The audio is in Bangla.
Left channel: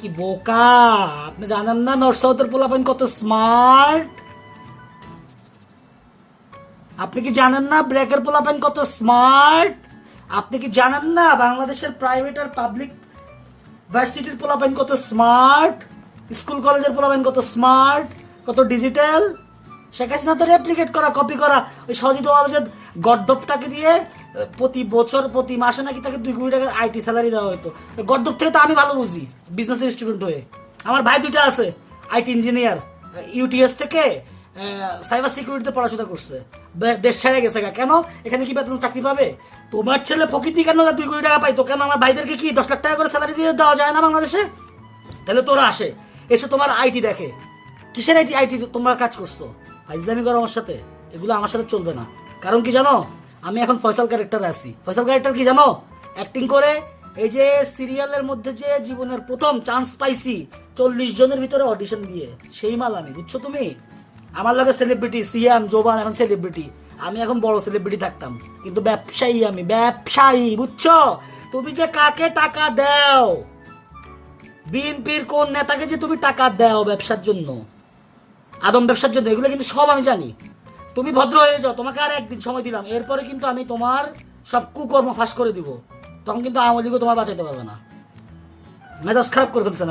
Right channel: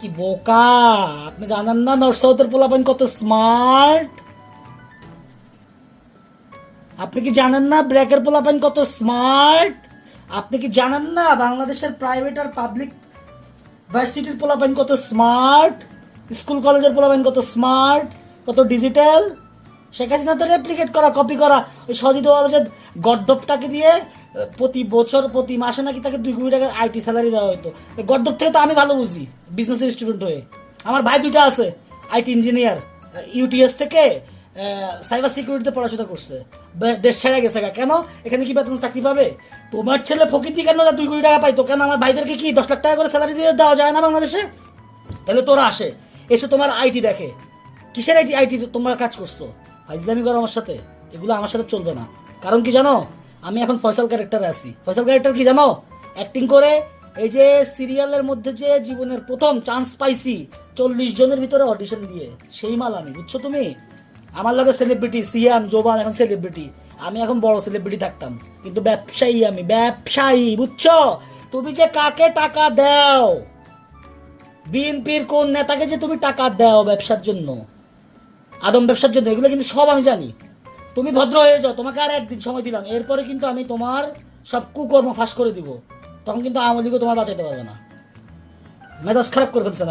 কি বোকা, আপনি জানেন না নর্থ সাউথের পোলাপাইন কত স্মার্ট? আপনি কি জানেন না ব্র্যাকের পোলাপাইন কত স্মার্ট? আপনি কি জানেন না বাংলাদেশের প্রাইভেট আর পাবলিক ভার্সিটির পোলাপাইন কত স্মার্ট? স্কুল কলেজের পোলাপাইন কত স্মার্ট, কত ডিজিটাল? শেখ হাসিনা তো রেপ্লিকেট করা, কপি করা। ওই সজিদ ওয়াজেদ গর্দপটাকে দিয়ে প্রতি বছর প্রতি মাসে নাকি তাকে 2 কোটি টাকা আইটি স্যালারি দেওয়া হতো। গর্দপ থেকে তো আমি ভালো বুঝি বিজনেস স্টুডেন্ট হয়ে। আমার ভাই 2টা আছে আইটি ইঞ্জিনিয়ার, ইউটিএস থেকে সাইবার সিকিউরিটিতে পড়াশোনা করছে, দেশ ছেড়ে গেছে। কেন? এখানে কি বেতন চাকরি পাবে? তোমার ছেলে ফকিতি কেন 2 কোটি টাকা পাইতো? কেন আমার ভাইদেরকে কি 10 লাখ টাকা করে স্যালারি দিয়ে দেওয়া যায় না বাংলাদেশে? তাহলে তোরা আসে, এসে তোমার আইটি দেখে। কিসের আইটি? আইটি তোমরা কাজ করছো, ফাইজলামি করো আমার সাথে। এগুলো আমার সাথে চলবে না। কারণ কি জানো, আমি এখন ফয়সাল ক্যারেক্টারে আছি। ফয়সাল ক্যারেক্টার কি জানো? অ্যাক্টিং করে এই যে সিরিয়ালের মধ্যে যে জীবনের প্রথম চান্স পাইছি 40 জনের ভিতরে অডিশন দিয়ে, সেই মাল আমি, বুঝছো তুমি? আমার লাগে সেলিব্রিটি সিয়াম জোবান এখন সেলিব্রিটি, আমি এখন বড় সেলিব্রিটি থাকতাম, কিন্তু ব্যবসায়ী আমি, ব্যবসায়ী, বুঝছো? তুমি যে কাকে টাকা দাও, বিএনপির কোন নেতাকে যে তুমি টাকা দাও ব্যবসার জন্য, আদম ব্যবসার জন্য, এগুলো কিন্তু সব আমি জানি। তুমি ভদ্র হয়ে যাও, তোমাকে আর একদিন সময় দিলাম, এরপরে কিন্তু আমি তোমার সব কুকর্ম ফাঁস করে দিব। তখন কিন্তু আওয়ামী লীগও তোমার বাঁচাইতে পারবে না। মেজাজ খারাপ করে ফেলছে না।